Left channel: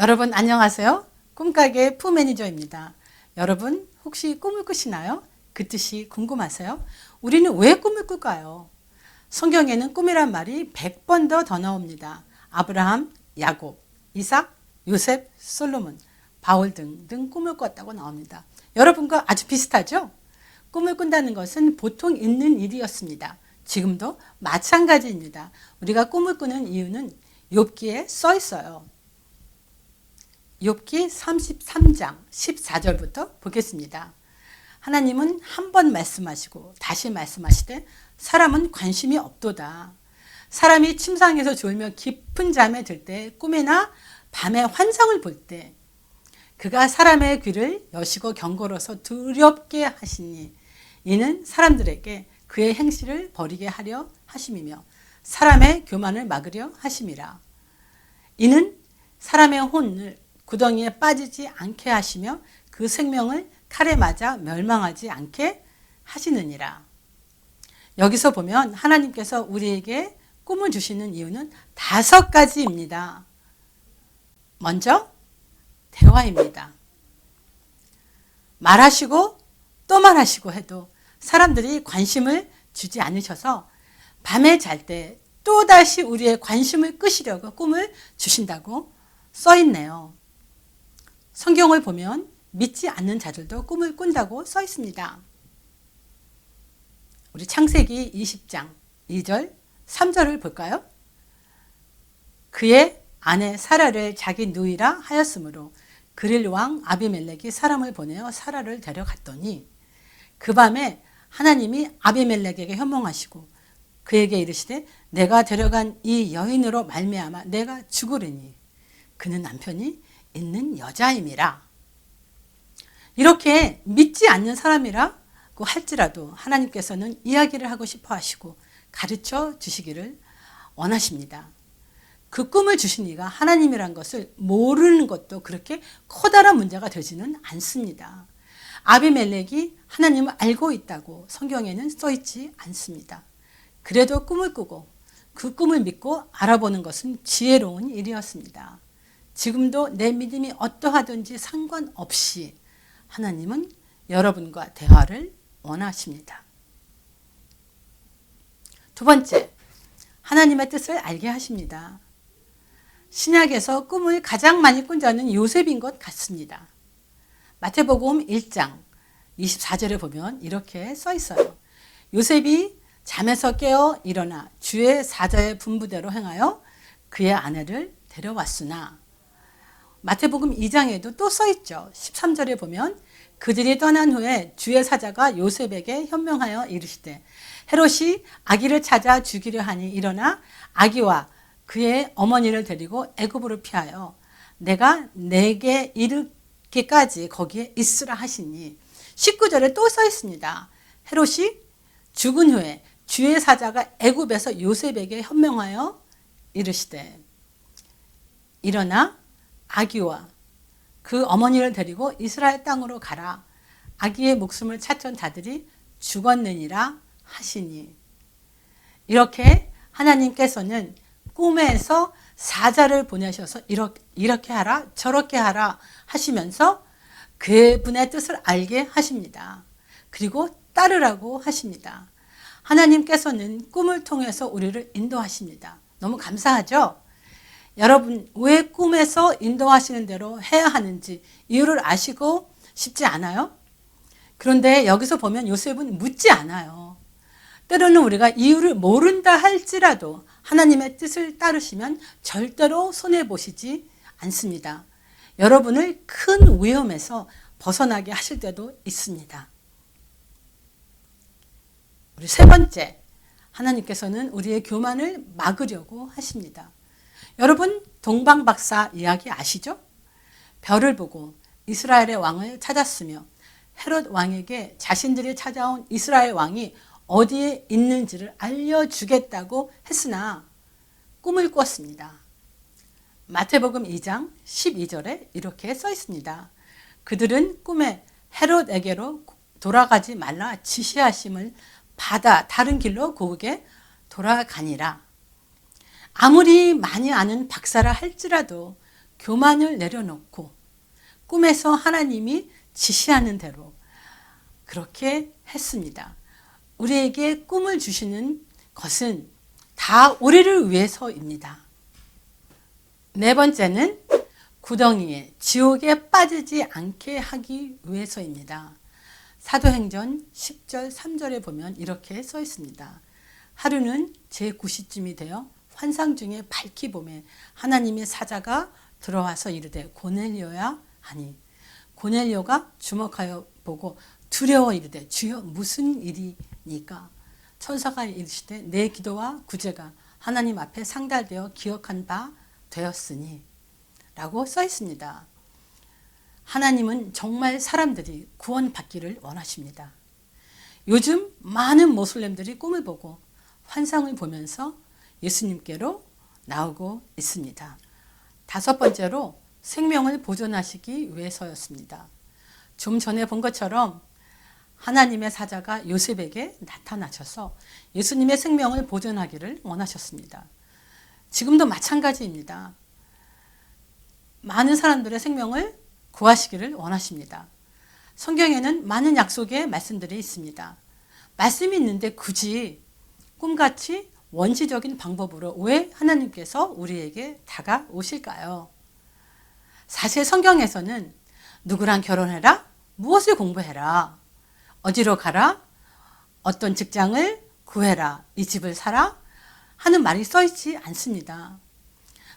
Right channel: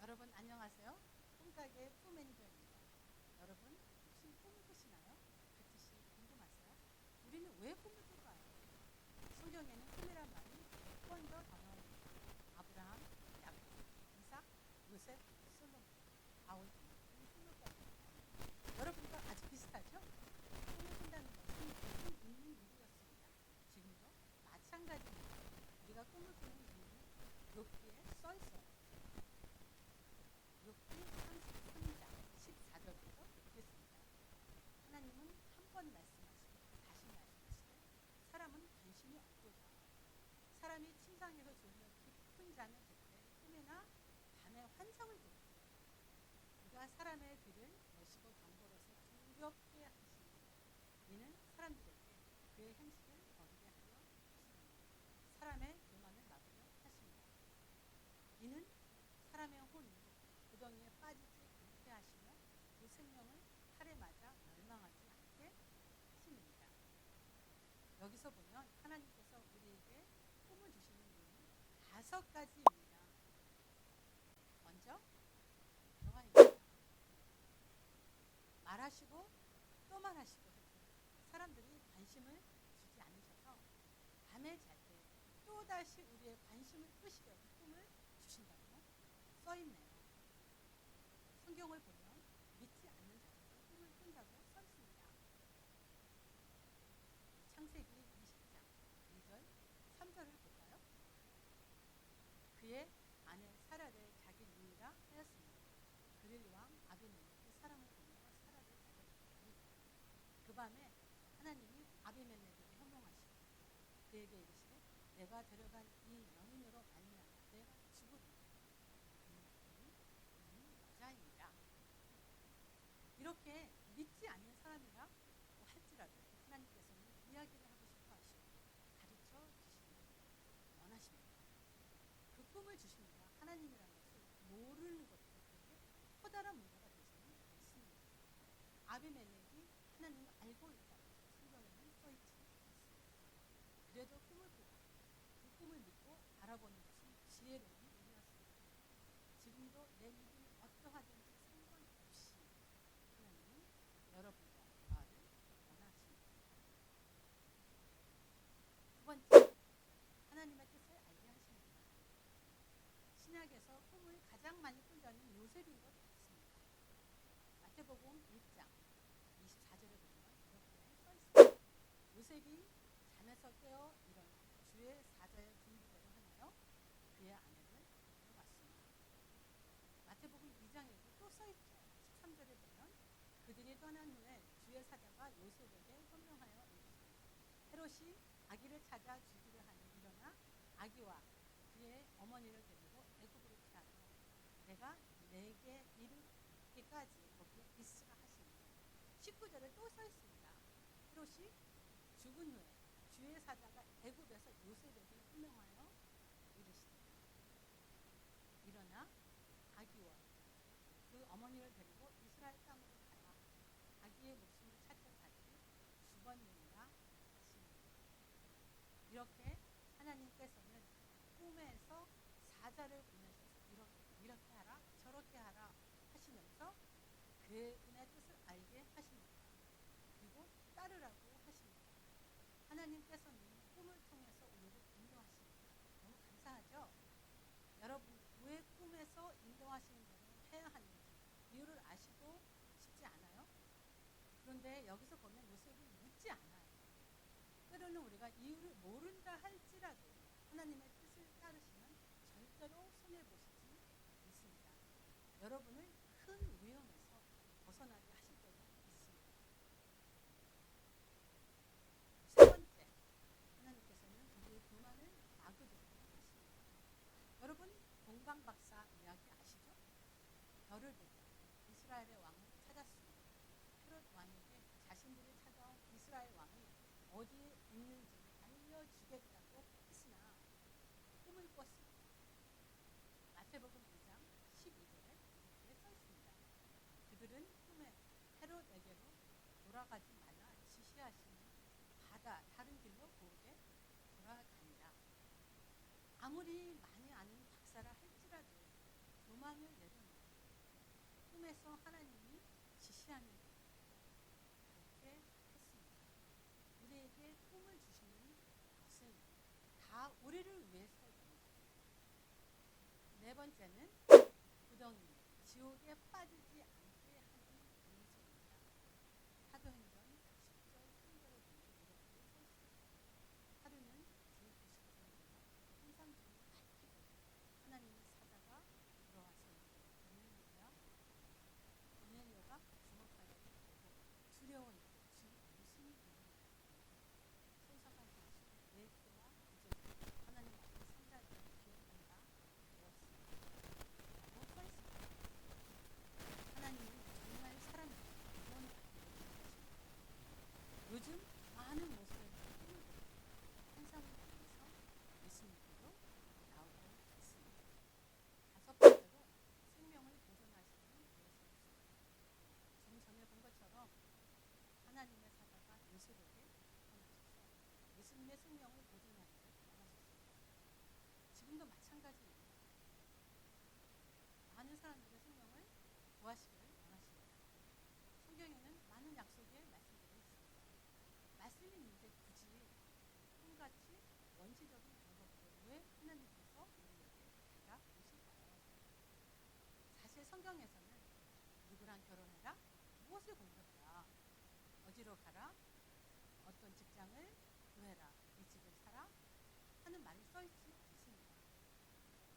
여러분 안녕하세요. 꿈가게 푸매니저입니다. 여러분 혹시 꿈을 꾸시나요? 그 뜻이 궁금하세요? 우리는 왜 꿈을 꿀까요? 성경에는 꿈이란 말이 100번 더 나옵니다. 아브라함, 야곱, 이삭, 요셉, 솔로몬, 바울 등등 꿈을 꿨다고 나옵니다. 여러분과 아주 비슷하죠? 꿈을 꾼다는 것은 보통 있는 일이었습니다. 지금도 마찬가지입니다. 우리가 꿈을 꾸는 이유는 욥기에 써 있어요. 욥기 33장 14절부터 보겠습니다. 하나님은 한 번 말씀하시고 다시 말씀하시되 사람은 관심이 없도다. 사람이 침상에서 졸며 깊은 잠에 들 때 꿈이나 밤에 환상을 볼 때 그가 사람의 귀를 여시고 경고로서 두렵게 하시니 이는 사람들에게 그의 행실을 버리게 하려 하심이며 사람의 교만을 막으려 하심이라. 이는 사람의 혼을 구덩이에 빠지지 않게 하시며 그 생명을 칼에 맞아 멸망하지 않게 하시느니라. 여기서 보면 하나님께서 우리에게 꿈을 주시는 이유는 5가지입니다. 먼저 대화입니다. 말하시고 또 말하시고 해도 사람들이 관심을 주지 않으셔서 밤에 잘 때 또다시 우리의 관심을 끄시려고 꿈을 주신다고 써 있네요. 성경을 보면 믿지 않는 자들도 꿈을 꾼다고 써 있습니다. 우리 창세기 20장 2절 3절을 볼까요? 그의 아내 사라를 자기 누이라 하였으므로 그릴 왕 아비멜렉이 사람을 보내어 사라를 데려갔더니 그 밤에 하나님이 아비멜렉에게 현몽하시고 그에게 이르시되 내가 데려간 이 여인으로 말미암아 내가 죽으리니 그는 남편이 있는 여자임이라. 이렇게 믿지 않는 사람이라고 할지라도 하나님께서는 이야기를 하고 싶어 하시고 가르쳐 주시기를 원하십니다. 그 꿈을 주신 이가 하나님이란 것을 모르는 것도 그렇게 커다란 문제가 되지는 않습니다. 아비멜렉이 하나님을 알고 있다고 성경에는 써 있지 않습니다. 그래도 꿈을 꾸고 그 꿈을 믿고 알아보는 것은 지혜로운 일이었습니다. 지금도 내 믿음이 어떠하든지 상관없이 하나님은 여러분과 대화를 원하십니다. 두 번째, 하나님의 뜻을 알게 하십니다. 신약에서 꿈을 가장 많이 꾼 자는 요셉인 것 같습니다. 마태복음 1장 24절에 보면 이렇게 써 있어요. 요셉이 잠에서 깨어 일어나 주의 사자의 분부대로 행하여 그의 아내를 데려왔으나 마태복음 2장에도 또 써 있죠. 13절에 보면 그들이 떠난 후에 주의 사자가 요셉에게 현명하여 이르시되 헤롯이 아기를 찾아 죽이려 하니 일어나 아기와 그의 어머니를 데리고 애굽으로 피하여 내가 내게 이르기까지 거기에 있으라 하시니 19절에 또 써 있습니다. 헤롯이 죽은 후에 주의 사자가 애굽에서 요셉에게 현명하여 이르시되 일어나 아기와 그 어머니를 데리고 이스라엘 땅으로 가라. 아기의 목숨을 찾던 자들이 죽었느니라 하시니. 이렇게 하나님께서는 꿈에서 사자를 보내셔서 이렇게 하라 저렇게 하라 하시면서 그분의 뜻을 알게 하십니다. 그리고 따르라고 하십니다. 하나님께서는 꿈을 통해서 우리를 인도하십니다. 너무 감사하죠? 여러분 왜 꿈에서 인도하시는 대로 해야 하는지 이유를 아시고 싶지 않아요? 그런데 여기서 보면 요셉은 묻지 않아요. 때로는 우리가 이유를 모른다 할지라도 하나님의 뜻을 따르시면 절대로 손해보시지 않습니다. 여러분을 큰 위험에서 벗어나게 하실 때도 있습니다. 우리 세 번째, 하나님께서는 우리의 교만을 막으려고 하십니다. 여러분 동방박사 이야기 아시죠? 별을 보고 이스라엘의 왕을 찾았으며 헤롯 왕에게 자신들이 찾아온 이스라엘 왕이 어디에 있는지를 알려주겠다고 했으나 꿈을 꿨습니다. 마태복음 2장 12절에 이렇게 써 있습니다. 그들은 꿈에 헤롯에게로 돌아가지 말라 지시하심을 받아 다른 길로 고국에 돌아가니라. 아무리 많이 아는 박사라 할지라도 교만을 내려놓고 꿈에서 하나님이 지시하는 대로 그렇게 했습니다. 우리에게 꿈을 주시는 것은 다 우리를 위해서입니다. 네 번째는 구덩이에 지옥에 빠지지 않게 하기 위해서입니다. 사도행전 10절 3절에 보면 이렇게 써 있습니다. 하루는 제9시쯤이 되어 환상 중에 밝히 보매 하나님의 사자가 들어와서 이르되 고넬료야 하니 고넬료가 주목하여 보고 두려워 이르되 주여 무슨 일이니까 천사가 이르시되 내 기도와 구제가 하나님 앞에 상달되어 기억한 바 되었으니 라고 써 있습니다. 하나님은 정말 사람들이 구원받기를 원하십니다. 요즘 많은 모슬렘들이 꿈을 보고 환상을 보면서 예수님께로 나오고 있습니다. 다섯 번째로 생명을 보존하시기 위해서였습니다. 좀 전에 본 것처럼 하나님의 사자가 요셉에게 나타나셔서 예수님의 생명을 보존하기를 원하셨습니다. 지금도 마찬가지입니다. 많은 사람들의 생명을 구하시기를 원하십니다. 성경에는 많은 약속의 말씀들이 있습니다. 말씀이 있는데 굳이 꿈같이 원시적인 방법으로 왜 하나님께서 우리에게 다가오실까요? 사실 성경에서는 누구랑 결혼해라, 무엇을 공부해라, 어디로 가라, 어떤 직장을 구해라, 이 집을 사라 하는 말이 써 있지 않습니다.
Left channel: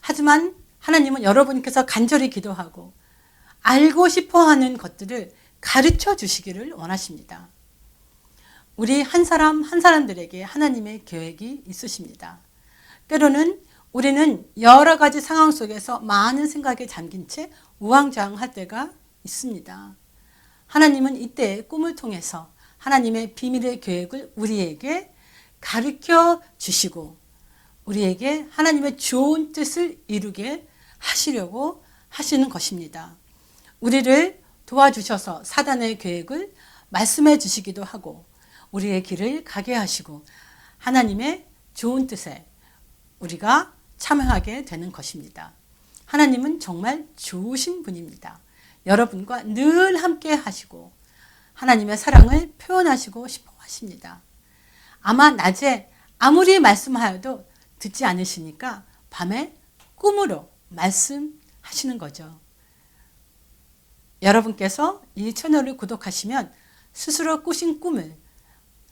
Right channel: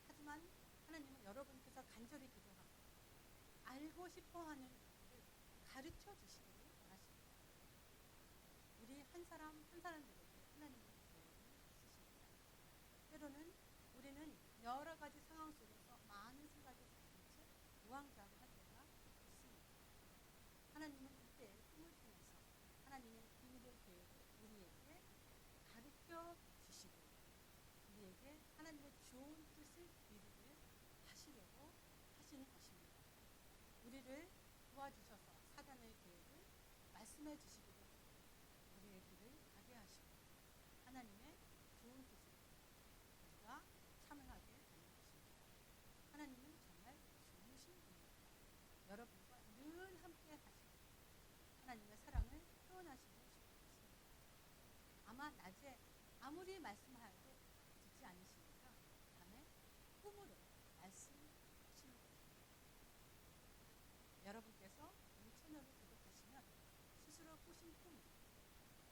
하지만 하나님은 여러분께서 간절히 기도하고 알고 싶어하는 것들을 가르쳐 주시기를 원하십니다. 우리 한 사람 한 사람들에게 하나님의 계획이 있으십니다. 때로는 우리는 여러 가지 상황 속에서 많은 생각에 잠긴 채 우왕좌왕할 때가 있습니다. 하나님은 이때 꿈을 통해서 하나님의 비밀의 계획을 우리에게 가르쳐 주시고 우리에게 하나님의 좋은 뜻을 이루게 하시려고 하시는 것입니다. 우리를 도와주셔서 사단의 계획을 말씀해 주시기도 하고 우리의 길을 가게 하시고 하나님의 좋은 뜻에 우리가 참여하게 되는 것입니다. 하나님은 정말 좋으신 분입니다. 여러분과 늘 함께 하시고 하나님의 사랑을 표현하시고 싶어 하십니다. 아마 낮에 아무리 말씀하여도 듣지 않으시니까 밤에 꿈으로 말씀하시는 거죠. 여러분께서 이 채널을 구독하시면 스스로 꾸신 꿈을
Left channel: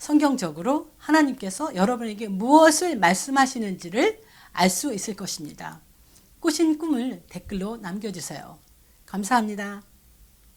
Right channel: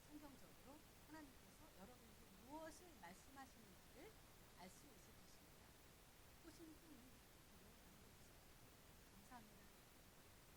성경적으로 하나님께서 여러분에게 무엇을 말씀하시는지를 알 수 있을 것입니다. 꾸신 꿈을 댓글로 남겨주세요. 감사합니다.